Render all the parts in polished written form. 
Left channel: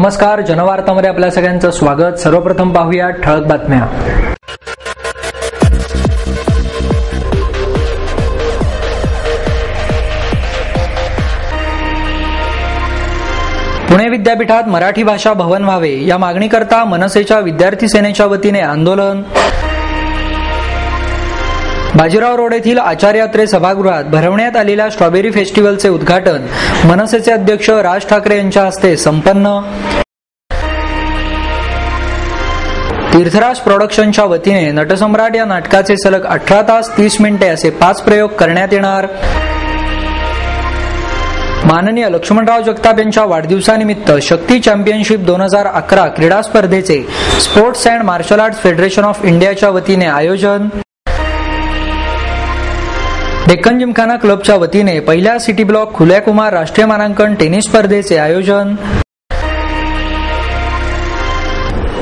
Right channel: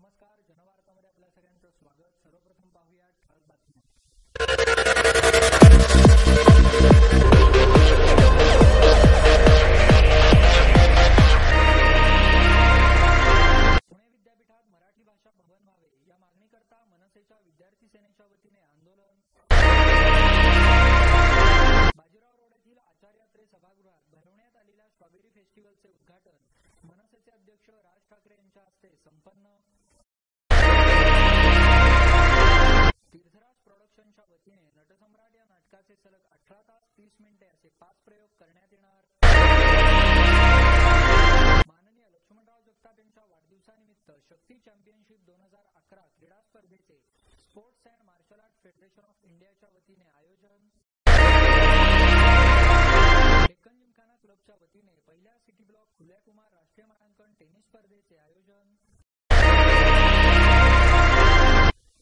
नमस्कार, जनवार्तामध्ये आपल्या सगळ्यांचं स्वागत। सर्वप्रथम पाहूया ठळक बातम्या। पुणे विद्यापीठात मराठी भाषा भवन व्हावे या मागणीकरता मनसेच्या विद्यार्थी सेनेच्या वतीने आंदोलन। बाजीराव रोड येथील आचार्य अत्रे सभागृहात भरवण्यात आलेल्या स्ट्रॉबेरी फेस्टिवलचे उद्घाटन मनसेचे अध्यक्ष राज ठाकरे यांच्या हस्ते संपन्न। तीर्थराज प्रोडक्शनच्या वतीने नटसम्राट या नाटकाचे सलग 18 तास 30 मिनिटे असे 5 प्रयोग करण्यात येणार। माननीय लक्ष्मणराव जगताप यांच्या वाढदिवसानिमित्त शक्ती चॅम्पियनशिप 2011 क्रीडा स्पर्धेचे sports and martial arts federation of इंडियाच्या वतीने आयोजन। डेक्कन जिमखाना क्लबच्या वतीने पहिल्या सिटी ब्लॉक खुल्या कुमार राष्ट्रीय मानांकन टेनिस स्पर्धेचे आयोजन।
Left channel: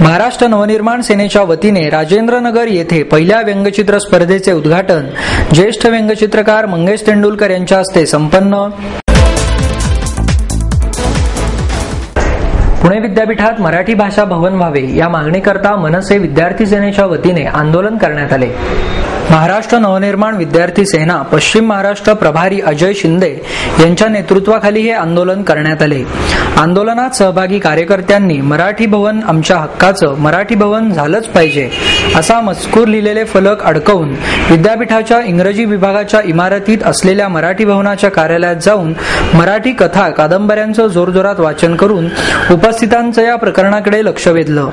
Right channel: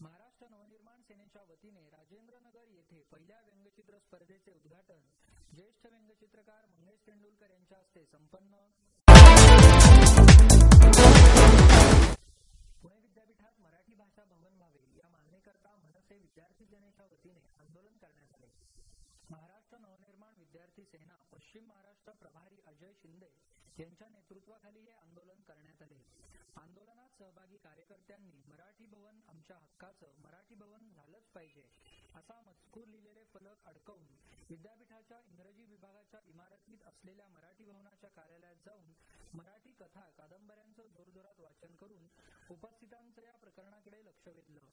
महाराष्ट्र नवनिर्माण सेनेच्या वतीने राजेंद्रनगर येथे पहिल्या व्यंगचित्र स्पर्धेचे उद्घाटन ज्येष्ठ व्यंगचित्रकार मंगेश तेंडुलकर यांच्या हस्ते संपन्न। पुणे विद्यापीठात मराठी भाषा भवन व्हावे या मागणीकरता मनसे विद्यार्थी सेनेच्या वतीने आंदोलन करण्यात आले। महाराष्ट्र नवनिर्माण विद्यार्थी सेना पश्चिम महाराष्ट्र प्रभारी अजय शिंदे यांच्या नेतृत्वाखाली हे आंदोलन करण्यात आले। आंदोलनात सहभागी कार्यकर्त्यांनी मराठी भवन आमच्या हक्काचं, मराठी भवन झालंच पाहिजे असा मजकूर लिहिलेले फलक अडकवून विद्यापीठाच्या इंग्रजी विभागाच्या इमारतीत असलेल्या मराठी भवनाच्या कार्यालयात जाऊन मराठी कथा कादंबऱ्यांचं जोरजोरात वाचन करून उपस्थितांचं या प्रकरणाकडे लक्ष वेधलं।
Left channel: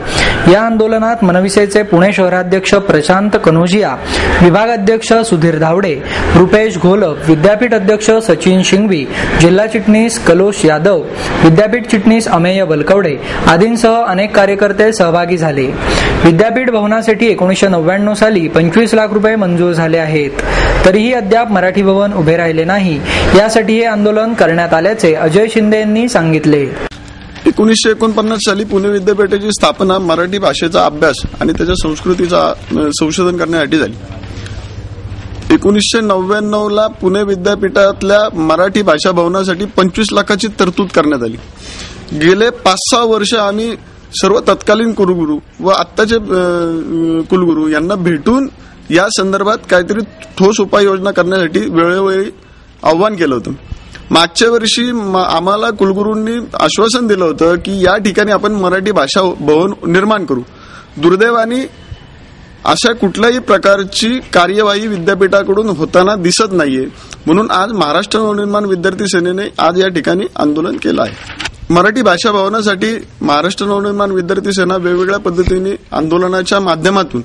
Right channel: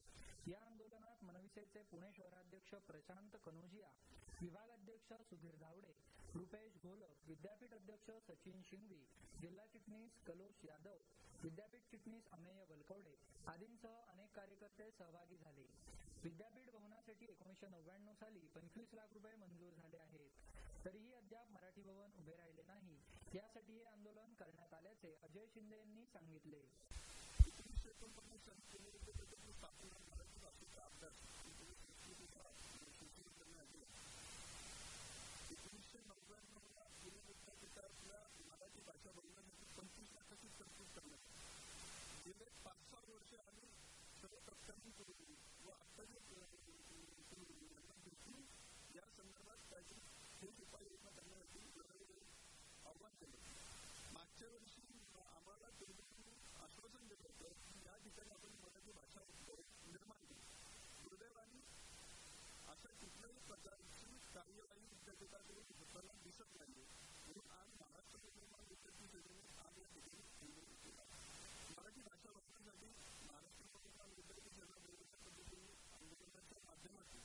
या आंदोलनात मनविसेचे पुणे शहराध्यक्ष प्रशांत कनोजिया, विभागाध्यक्ष सुधीर धावडे, रुपेश घोलप, विद्यापीठ अध्यक्ष सचिन शिंगवी, जिल्हा चिटणीस कलोश यादव, विद्यापीठ चिटणीस अमेय बलकवडे आदींसह अनेक कार्यकर्ते सहभागी झाले। विद्यापीठ भवनासाठी 1999 साली 25 लाख रुपये मंजूर झाले आहेत, तरीही अद्याप मराठी भवन उभे राहिले नाही। यासाठी हे आंदोलन करण्यात आल्याचे अजय शिंदे यांनी सांगितले। 1949 साली पुणे विद्यापीठाची स्थापना मराठी भाषेचा अभ्यास आणि त्याच्या संस्कृतीचा संशोधन करण्यासाठी झाली। 1999 ला पुणे विद्यापीठातल्या मराठी भाषा भवनासाठी 25 लाखाची तरतूद करण्यात आली। गेले 5-6 वर्ष आम्ही सर्व तत्कालीन कुलगुरू व आत्ताचे कुलगुरू यांना भेटून या संदर्भात काहीतरी ठोस उपाययोजना करण्यासाठी वेळोवेळी आव्हान केलं होतं। मागच्या वर्षी आम्हाला कुलगुरूंनी आश्वासन दिलं होतं की या ठिकाणी आपण मराठी भाषा भवन निर्माण करू। दुर्दैवाने अशा कुठल्याही प्रकारची कार्यवाही विद्यापीठाकडून होताना दिसत नाहीये, म्हणून आज महाराष्ट्र नवनिर्माण विद्यार्थी सेनेने आज या ठिकाणी आंदोलन केलं आहे। मराठी भाषा भवनासाठी महाराष्ट्र नवनिर्माण विद्यार्थी सेना वेगवेगळ्या पद्धतीने आंदोलनाच्या माध्यमातून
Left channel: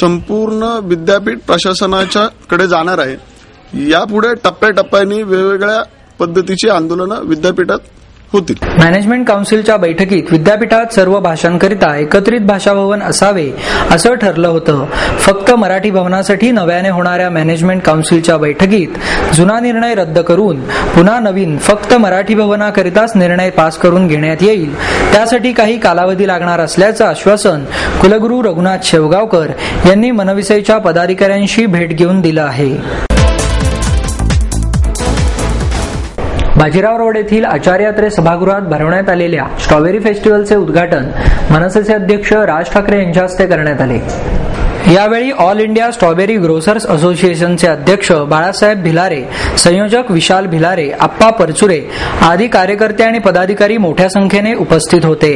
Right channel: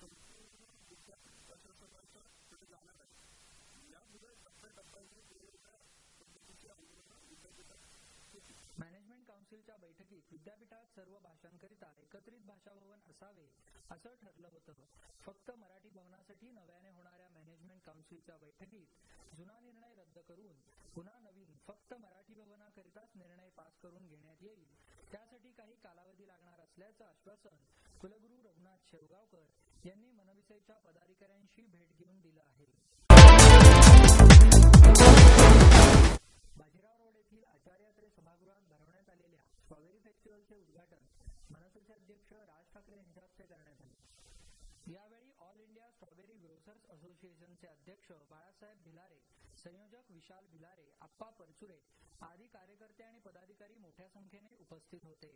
संपूर्ण विद्यापीठ प्रशासनाच्या कडे जाणार आहे। यापुढे टप्प्याटप्प्याने वेगवेगळ्या पद्धतीची आंदोलनं विद्यापीठात होतील। मॅनेजमेंट काउन्सिलच्या बैठकीत विद्यापीठात सर्व भाषांकरिता एकत्रित भाषा भवन असावे असं ठरलं होतं। फक्त मराठी भवनासाठी नव्याने होणाऱ्या मॅनेजमेंट काउन्सिलच्या बैठकीत जुना निर्णय रद्द करून पुन्हा नवीन फक्त मराठी भवनाकरिताच निर्णय पास करून घेण्यात येईल। त्यासाठी काही कालावधी लागणार असल्याचं आश्वासन कुलगुरू रघुनाथ शेवगावकर यांनी मनविसेच्या पदाधिकाऱ्यांशी भेट घेऊन दिलं आहे। बाजीराव रोड येथील आचार्य अत्रे सभागृहात भरवण्यात आलेल्या स्ट्रॉबेरी फेस्टिवलचे उद्घाटन मनसेचे अध्यक्ष राज ठाकरे यांच्या हस्ते करण्यात आले। यावेळी ऑल इंडिया स्ट्रॉबेरी ग्रोसर्स असोसिएशनचे अध्यक्ष बाळासाहेब भिलारे, संयोजक विशाल भिलारे, आप्पा परचुरे आदी कार्यकर्ते आणि पदाधिकारी मोठ्या संख्येने उपस्थित होते।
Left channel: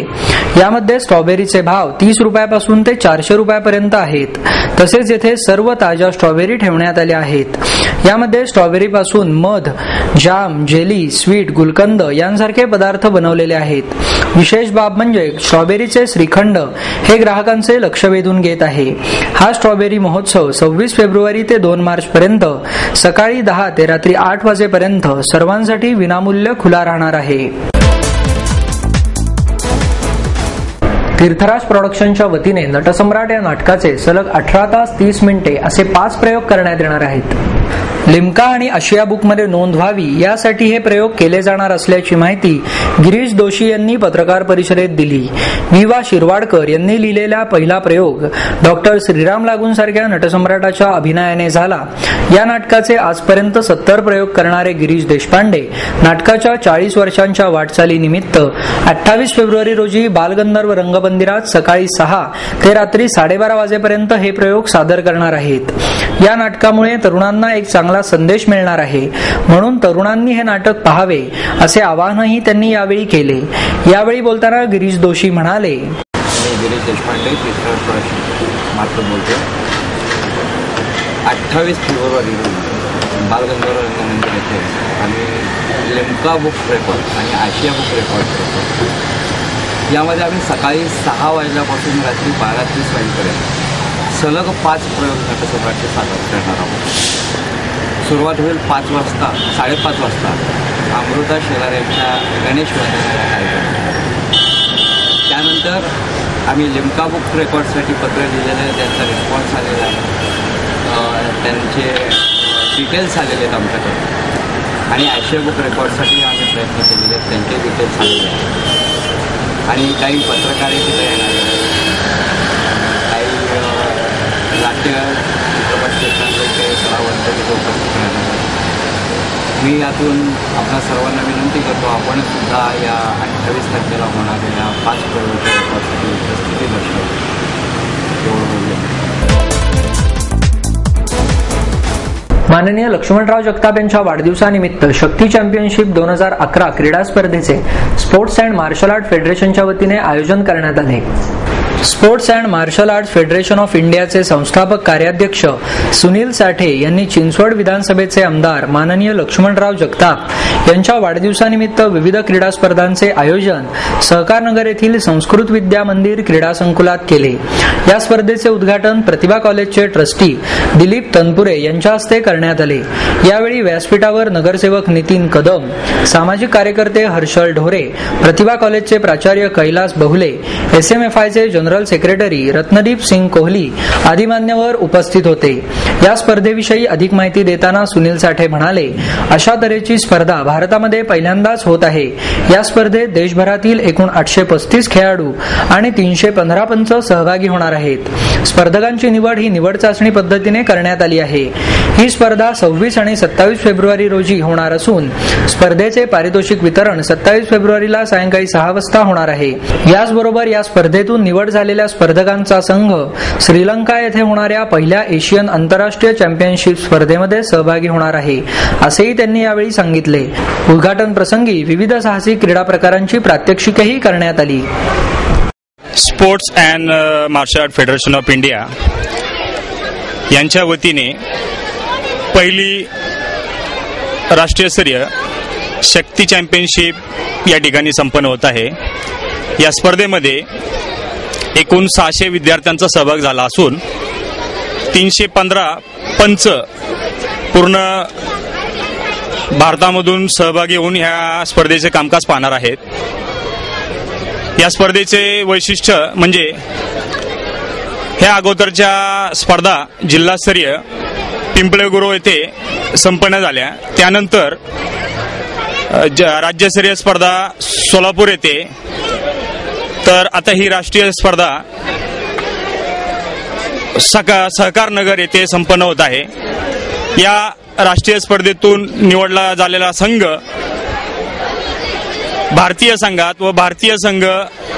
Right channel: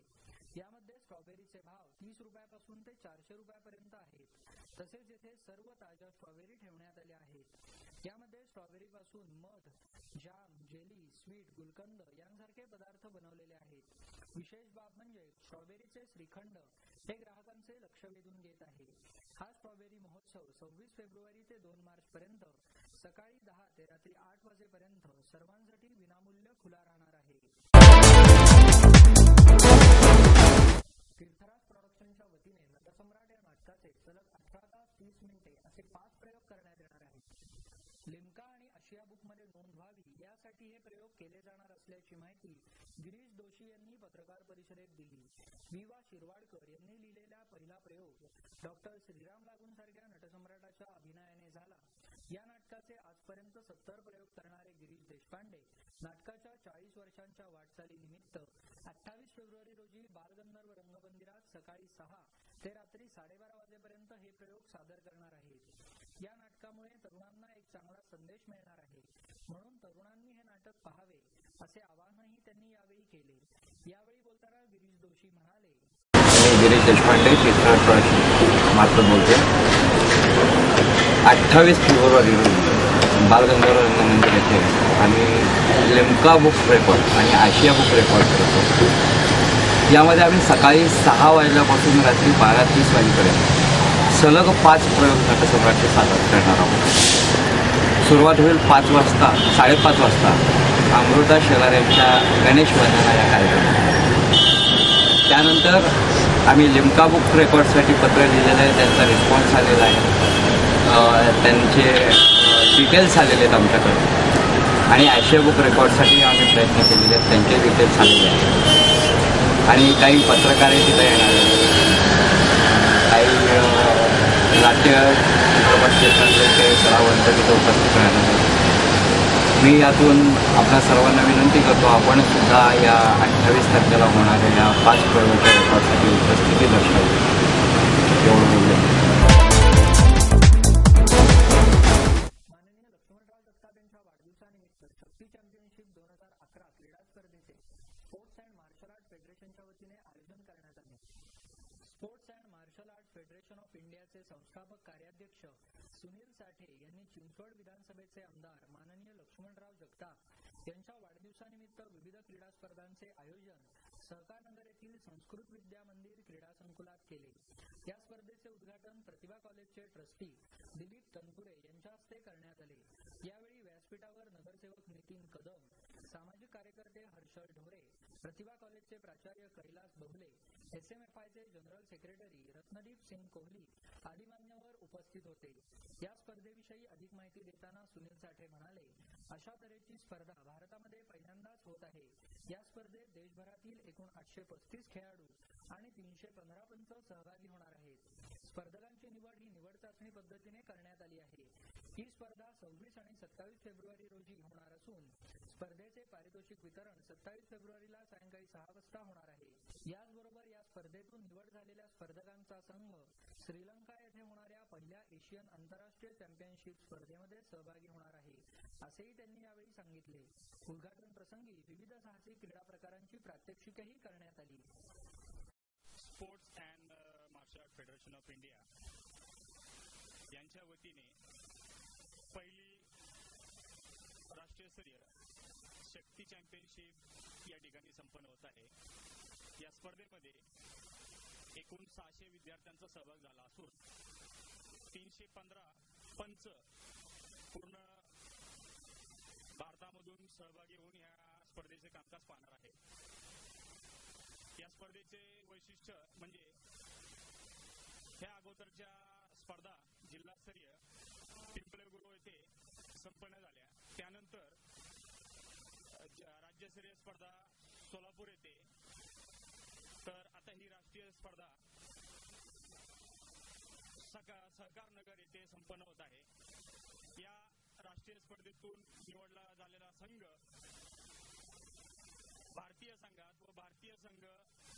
यामध्ये स्ट्रॉबेरीचे भाव 30 रुपयापासून ते 400 रुपयापर्यंत आहेत। तसेच येथे सर्व ताज्या स्ट्रॉबेरी ठेवण्यात आल्या आहेत। यामध्ये स्ट्रॉबेरीपासून मध, जाम, जेली, स्वीट, गुलकंद यांसारखे पदार्थ बनवलेले आहेत। विशेष बाब म्हणजे स्ट्रॉबेरीचे श्रीखंड हे ग्राहकांचे लक्ष वेधून घेत आहे। हा स्ट्रॉबेरी महोत्सव 26 फेब्रुवारी ते 2 मार्च पर्यंत सकाळी 10 ते रात्री 8 वाजेपर्यंत सर्वांसाठी विनामूल्य खुला राहणार आहे। तीर्थराज प्रोडक्शनच्या वतीने नटसम्राट या नाटकाचे सलग 18 तास 30 मिनिटे असे 5 प्रयोग करण्यात येणार आहेत। लिम्का आणि आशिया बुकमध्ये नोंद व्हावी यासाठी हे प्रयोग केले जाणार असल्याची माहिती गिरीश दोशी यांनी पत्रकार परिषदेत दिली. विवा शिरवाडकर यांनी लिहिलेला पहिला प्रयोग डॉक्टर श्रीराम लागूंसारख्या नटसम्राटाच्या अभिनयाने झाला. या नाटकाचे आजपर्यंत 70 प्रयोग करणारे गिरीश देशपांडे नाटकाच्या 40 वर्षांच्या वाटचालीनिमित्त 28 फेब्रुवारी रोजी बालगंधर्व रंगमंदिरात सकाळी 6 ते रात्री 12:30 वाजेपर्यंत हे प्रयोग सादर करणार आहेत. या नाटकामुळे तरुणांना एक चांगला संदेश मिळणार आहे, म्हणून तरुणांनी हे नाटक पाहावे असे आवाहनही त्यांनी यावेळी केले. यावेळी बोलताना गिरीश दोशी म्हणाले, गिरीश देशपांडे मात्र बोलतो. 28 फेब्रुवारी रोजी बालगंधर्व रंगमंदिर येथे आम्ही लिम्का बुक रेकॉर्ड आणि आशिया बुक रेकॉर्ड करतो. यामध्ये आम्ही सकाळी 6 वाजल्यापासून रात्री 12:30 वाजेपर्यंत सलग 5 प्रयोग नटसम्राटचे सादर करणार आहोत. सुरुवात होईल 5 वाजता, 5:30 वाजता अमृता शेलार यांच्या गणेश वंदना या कार्यक्रमात. त्यानंतर आम्ही लिम्का बुक रेकॉर्डसाठी पत्र लिहिलेलं आहे, त्यांचा रिस्पॉन्स आलेला आहे, त्यांचे डिटेल्स आलेले आहेत आमच्याकडे. आणि आशिया बुक रेकॉर्डसाठी आम्ही प्रयत्न केलेले आहेत, त्यांचे डिटेल्स आलेले आहेत. आणि काही पत्रकारही तिथे येणार आहेत, काही नाट्य चित्रपट क्षेत्रातले काही कलावंत तिथे उपस्थित राहणार. मी यातून आपल्या सर्वांना विनंती करतो, आपण सुद्धा या 28 तारखेला होणाऱ्या या 5 प्रयोगाच्या रेकॉर्डसाठी उपस्थिती दर्शवली. एवढं बोलले. माननीय लक्ष्मणराव जगताप यांच्या वाढदिवसानिमित्त शक्ती चॅम्पियनशिप 2011 क्रीडा स्पर्धेचे स्पोर्ट्स अँड मार्शल आर्ट फेडरेशनच्या वतीने आयोजन करण्यात आले. Sports and martial art federation of इंडियाचे संस्थापक कार्याध्यक्ष सुनील साठे यांनी चिंचवड विधानसभेचे आमदार माननीय लक्ष्मणराव जगताप यांच्या वाढदिवसानिमित्त विविध क्रीडा स्पर्धांचे आयोजन सहकारनगर येथील संस्कृत विद्या मंदिर क्रीडा संकुलात केले. या स्पर्धेचे उद्घाटन प्रतिभा कॉलेजचे ट्रस्टी दिलीप तनपुरे यांच्या हस्ते करण्यात आले. यावेळी व्यासपीठावर नगरसेवक नितीन कदम, सामाजिक कार्यकर्ते हर्षल ढोरे, प्रतिभा कॉलेजचे प्राचार्य कैलास बहुले, SMFIचे जनरल सेक्रेटरी रत्नदीप सिंग कोहली आदी मान्यवर उपस्थित होते. या स्पर्धेविषयी अधिक माहिती देताना सुनील साठे म्हणाले, अशा तऱ्हेची स्पर्धा भारतामध्ये पहिल्यांदाच होत आहे. या स्पर्धेत देशभरातील एकूण 835 खेळाडू आणि 315 पंच सहभागी होणार आहेत. स्पर्धकांची निवड ही निवड चाचणी पद्धतीने करण्यात आली आहे. ही स्पर्धा 26 आणि 27 फेब्रुवारी रोजी होणार असून स्पर्धेचे पारितोषिक वितरण 27 फेब्रुवारीला सायंकाळी 6 वाजता होणार आहे. याचबरोबर या स्पर्धेतून निवड झालेल्या स्पर्धकांचा संघ श्रीलंका येथे होणाऱ्या पहिल्या एशियन आंतरराष्ट्रीय चॅम्पियनशिप स्पर्धेमध्ये सहभागी होणार आहे, असेही त्यांनी यावेळी सांगितले. उद्घाटन प्रसंगी विविध साहसी क्रीडा प्रकारांची प्रात्यक्षिकही करण्यात आली. Sports and martial art federation of India यांच्या वतीने पहिली राष्ट्रीयस्तरीय शक्ती चॅम्पियनशिप या ठिकाणी संपन्न होत आहे. या स्पर्धेमध्ये एकूण 600 विद्यार्थ्यांचा सहभाग झाला असून 315 पंच पूर्ण भारतामधून सहभागी होऊन ह्या स्पर्धेचे कामकाज पाहणार आहेत. या स्पर्धेचे वैशिष्ट्य म्हणजे ह्या अगोदरच्या स्पर्धा जिल्हास्तरीय पिंपळे गुरव येथे संपन्न झाल्या. त्यानंतर राज्यस्तरीय स्पर्धा सोलापूर येथे, तर आता ही राष्ट्रीय स्पर्धा सहकारनगर येथे संपन्न होत आहे. या राष्ट्रीय स्पर्धेतून निवडला झालेला संघ भारतीय संघात व भारतीय संघ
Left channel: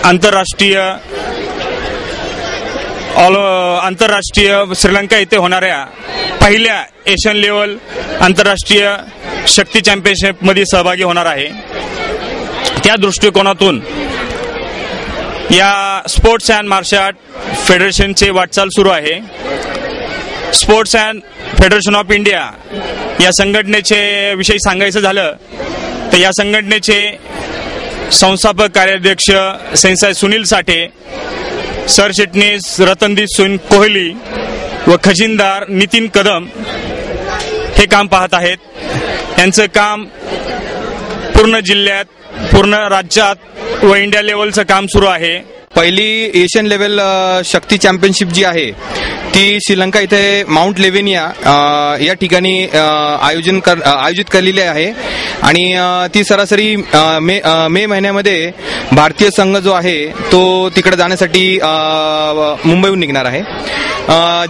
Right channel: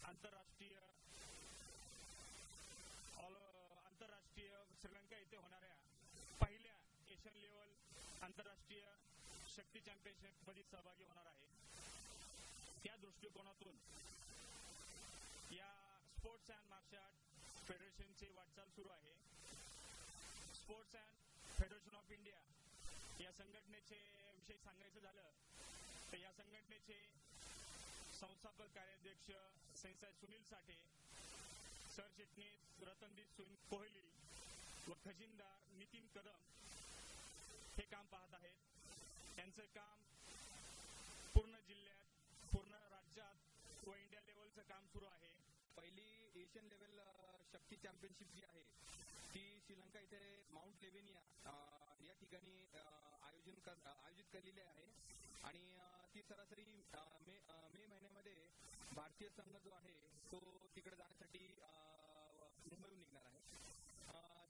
आंतरराष्ट्रीय श्रीलंका येथे होणाऱ्या पहिल्या एशियन लेवल आंतरराष्ट्रीय शक्ती चॅम्पियनशिप मध्ये सहभागी होणार आहे. त्या दृष्टिकोनातून या स्पोर्ट्स अँड मार्शल आर्ट फेडरेशनचे वाटचाल सुरू आहे. Sports and federation of India या संघटनेचे विषयी सांगायचं झालं तर या संघटनेचे संस्थापक कार्याध्यक्ष सेन्साय सुनील साठे, सरचिटणीस रतनदीप सिंग कोहली व खजिनदार नितीन कदम हे काम पाहत आहेत. यांचं काम पूर्ण जिल्ह्यात, पूर्ण राज्यात व इंडिया लेवलचं काम सुरू आहे. पहिली एशियन लेवल शक्ती चॅम्पियनशिप जी आहे ती श्रीलंका इथे माउंट लेवेनिया या ठिकाणी आयोजित केलेली आहे आणि ती सरासरी मे महिन्यामध्ये भारतीय संघ जो आहे तो तिकडे जाण्यासाठी मुंबईहून निघणार आहे.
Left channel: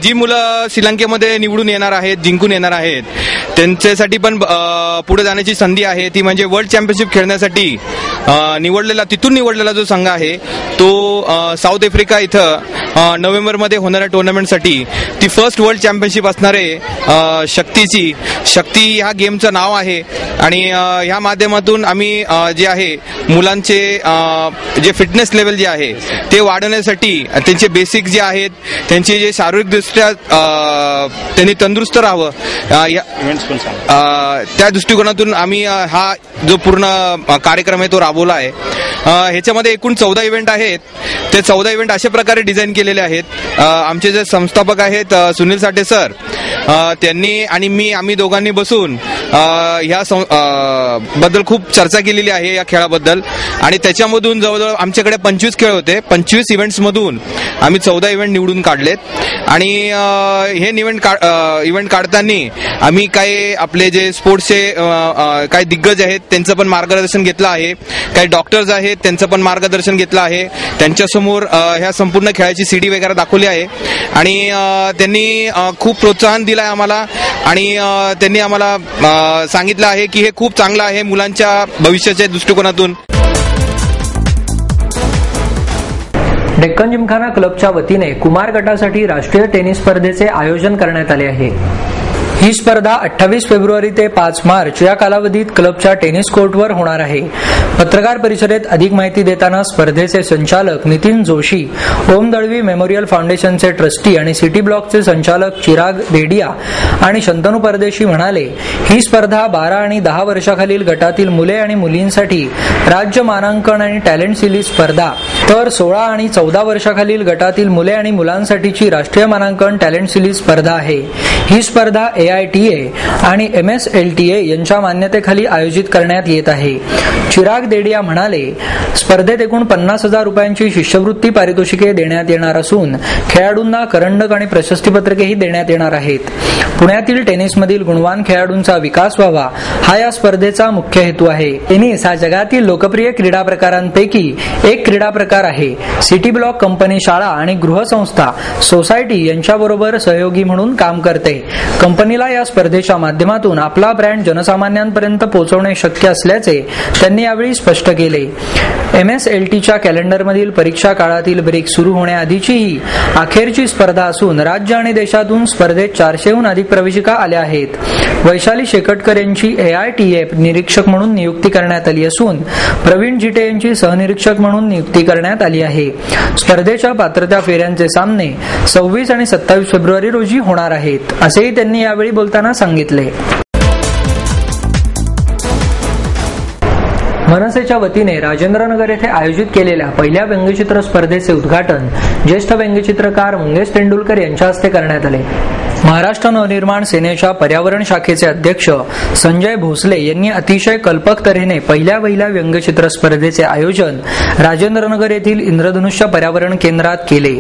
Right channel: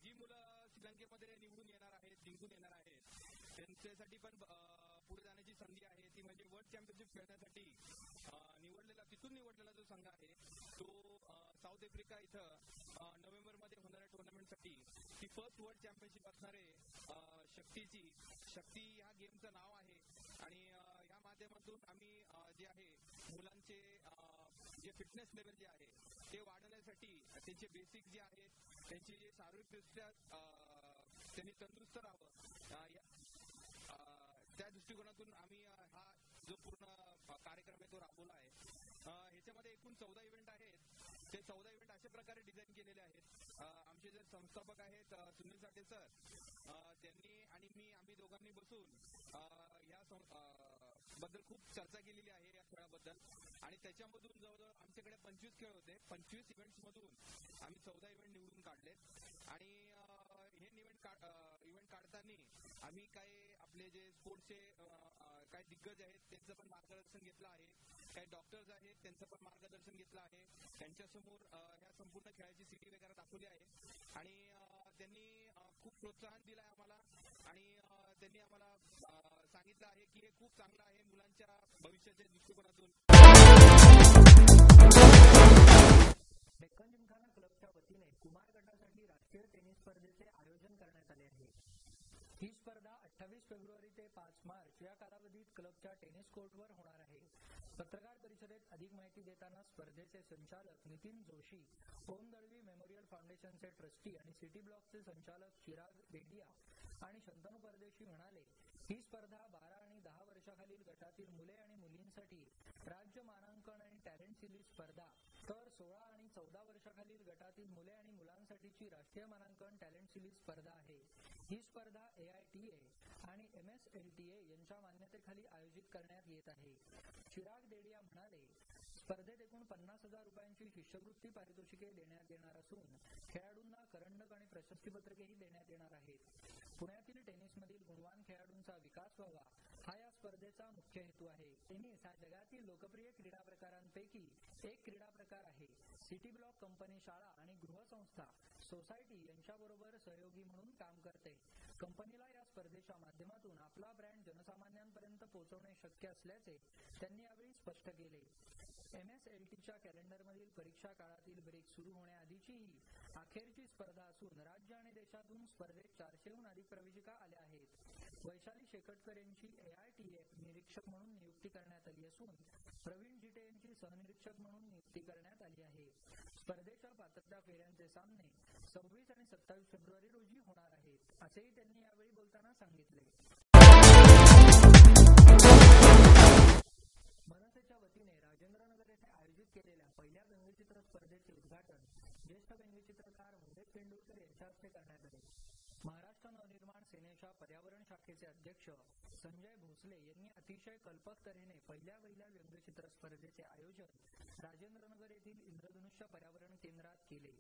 जी मुलं श्रीलंकेमध्ये निवडून येणार आहेत, जिंकून येणार आहेत, त्यांच्यासाठी पण पुढे जाण्याची संधी आहे. ती म्हणजे वर्ल्ड चॅम्पियनशिप खेळण्यासाठी तिथून निवडलेला जो संघ आहे तो साऊथ आफ्रिका इथं नोव्हेंबरमध्ये होणाऱ्या टुर्नामेंटसाठी ती फर्स्ट वर्ल्ड चॅम्पियनशिप असणार आहे. शक्ती ह्या गेमचं नाव आहे आणि ह्या माध्यमातून आम्ही जे आहे मुलांचे जे फिटनेस लेवल जे आहे ते वाढवण्यासाठी त्यांचे बेसिक जे आहेत त्यांचे जे शारीरिकदृष्ट्या त्यांनी तंदुरुस्त राहावं त्या दृष्टिकोनातून आम्ही हा जो पूर्ण कार्यक्रम आहे तो राबवला आहे. ह्याच्यामध्ये एकूण 14 इव्हेंट आहेत. ते 14 इव्हेंट अशा प्रकारे डिझाईन केलेले आहेत. आमचे जे संस्थापक आहेत सुनील साठे सर, त्यांनी आणि आम्ही दोघांनी बसून ह्या बद्दल खूप चर्चा केलेली आहे या खेळाबद्दल आणि त्याच्यामधून जवळजवळ आमच्याकडे 25 खेळ होते. 25 इव्हेंट्स मधून आम्ही 14 इव्हेंट निवडून काढलेत आणि हे इव्हेंट काढताना आम्ही काही आपले जे स्पोर्ट्सचे काही दिग्गज आहेत त्यांचं पण मार्गदर्शन घेतलं आहे. काही डॉक्टर्स आहेत त्यांचं पण मार्गदर्शन घेतलं आहे. त्यांच्यासमोर ह्या संपूर्ण खेळाची सीडी वगैरे दाखवली आहे आणि त्यांनी खूप प्रोत्साहन दिलं आहे आम्हाला आणि त्यांनी आम्हाला सांगितलं आहे की हे खूप चांगलं आहे मुलांच्या भविष्याच्या दृष्टिकोनातून. डेक्कन जिमखाना क्लबच्या वतीने कुमार गटासाठी राष्ट्रीय टेनिस स्पर्धेचे आयोजन करण्यात आले आहे. ही स्पर्धा 28 फेब्रुवारी ते 5 मार्च या कालावधीत क्लबच्या टेनिस कोर्टवर होणार आहे. पत्रकार परिषदेत अधिक माहिती देताना स्पर्धेचे संचालक नितीन जोशी, ओम दळवी मेमोरियल फाउंडेशनचे ट्रस्टी आणि सिटी ब्लॉकचे संचालक चिराग देडिया आणि शंतनू परदेशी म्हणाले, ही स्पर्धा 12 आणि 10 वर्षाखालील गटातील मुले आणि मुलींसाठी राज्य मानांकन आणि टॅलेंट सिरीज स्पर्धा, तर 16 आणि 14 वर्षाखालील गटातील मुले आणि मुलांसाठीची राष्ट्रीय मानांकन टॅलेंट सिरीज स्पर्धा आहे. ही स्पर्धा AITA आणि MSLTA यांच्या मान्यतेखाली आयोजित करण्यात येत आहे. चिराग देडिया म्हणाले, स्पर्धेत एकूण 50,000 रुपयांची शिष्यवृत्ती पारितोषिके देण्यात येणार असून खेळाडूंना करंडक आणि प्रशस्तीपत्रकेही देण्यात येणार आहेत. पुण्यातील टेनिसमधील गुणवान खेळाडूंचा विकास व्हावा हा या स्पर्धेचा मुख्य हेतू आहे. टेनिस हा जगातील लोकप्रिय क्रीडा प्रकारांपैकी एक क्रीडा प्रकार आहे. सिटी ब्लॉक कंपनी शाळा आणि गृहसंस्था सोसायटी यांच्याबरोबर सहयोगी म्हणून काम करते. कंपनीला या स्पर्धेच्या माध्यमातून आपला ब्रँड जनसामान्यांपर्यंत पोहोचवणे शक्य असल्याचे त्यांनी यावेळी स्पष्ट केले. MSLTच्या कॅलेंडरमधील परीक्षा काळातील ब्रेक सुरू होण्याआधीची ही अखेरची स्पर्धा असून राज्य आणि देशातून स्पर्धेत 400हून अधिक प्रवेशिका आल्या आहेत. वैशाली शेकटकर यांची AITA निरीक्षक म्हणून नियुक्ती करण्यात आली असून प्रवीण जिटे यांची सहनिरीक्षक म्हणून नियुक्ती करण्यात आली आहे. स्पर्धेच्या पात्रता फेऱ्यांचे सामने 26 आणि 27 फेब्रुवारी रोजी होणार आहेत, असेही त्यांनी यावेळी बोलताना सांगितले. मनसेच्या वतीने राजेंद्रनगर येथे आयोजित केलेल्या पहिल्या व्यंगचित्र स्पर्धेचे उद्घाटन ज्येष्ठ व्यंगचित्रकार मंगेश तेंडुलकर यांच्या हस्ते करण्यात आले. महाराष्ट्र नवनिर्माण सेनेच्या पर्यावरण शाखेचे अध्यक्ष संजय भोसले यांनी अतिशय कल्पक तऱ्हेने पहिल्या व्यंगचित्र स्पर्धेचे आयोजन राजेंद्रनगर येथील इंद्रधनुष्य पर्यावरण केंद्रात केले.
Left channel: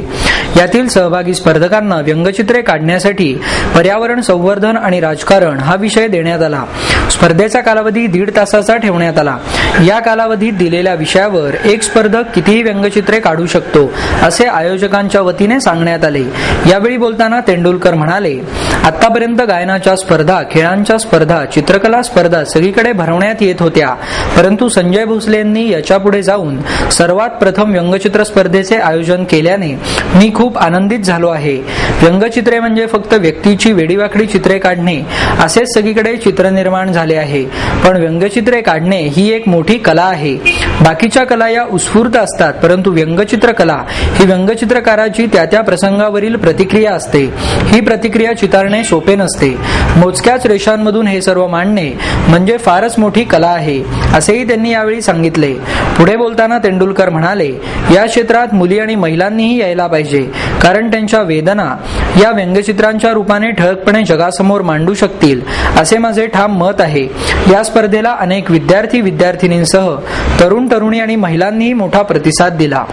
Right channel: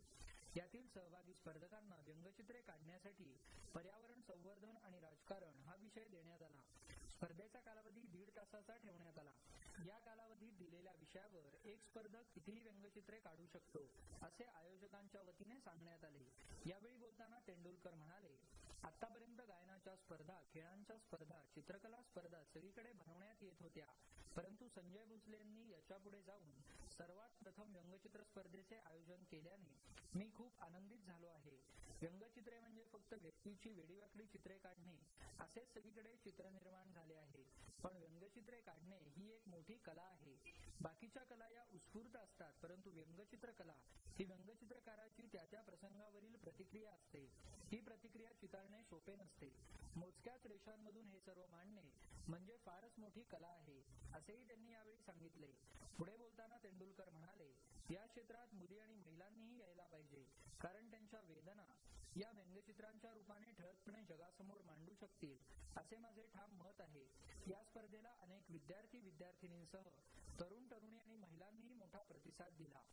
यातील सहभागी स्पर्धकांना व्यंगचित्रे काढण्यासाठी पर्यावरण संवर्धन आणि राजकारण हा विषय देण्यात आला. स्पर्धेचा कालावधी 1.5 तासाचा ठेवण्यात आला. या कालावधीत दिलेल्या विषयावर एक स्पर्धक कितीही व्यंगचित्रे काढू शकतो असे आयोजकांच्या वतीने सांगण्यात आले. यावेळी बोलताना तेंडुलकर म्हणाले, आतापर्यंत गायनाच्या स्पर्धा, खेळांच्या स्पर्धा, चित्रकला स्पर्धा सगळीकडे भरवण्यात येत होत्या, परंतु संजय भोसले यांनी याच्यापुढे जाऊन सर्वात प्रथम व्यंगचित्र स्पर्धेचे आयोजन केल्याने मी खूप आनंदित झालो आहे. व्यंगचित्रे म्हणजे फक्त व्यक्तीची वेडीवाकडी चित्रे काढणे असेच सगळीकडे चित्र निर्माण झाले आहे, पण व्यंगचित्रे काढणे ही एक मोठी कला आहे. बाकीच्या कला या उत्स्फूर्त असतात, परंतु व्यंगचित्र कला ही व्यंगचित्रकाराची त्या प्रसंगावरील प्रतिक्रिया असते. ही प्रतिक्रिया चितारणे सोपे नसते. मोजक्याच रेषांमधून हे सर्व मांडणे म्हणजे फारच मोठी कला आहे, असेही त्यांनी यावेळी सांगितले. पुढे बोलताना तेंडुलकर म्हणाले, या क्षेत्रात मुली आणि महिलांनीही यायला पाहिजे, कारण त्यांच्या वेदना या व्यंगचित्रांच्या रूपाने ठळकपणे जगासमोर मांडू शकतील, असे माझे ठाम मत आहे. या स्पर्धेला अनेक विद्यार्थी विद्यार्थिनींसह तरुण तरुणी आणि महिलांनीही मोठा प्रतिसाद दिला.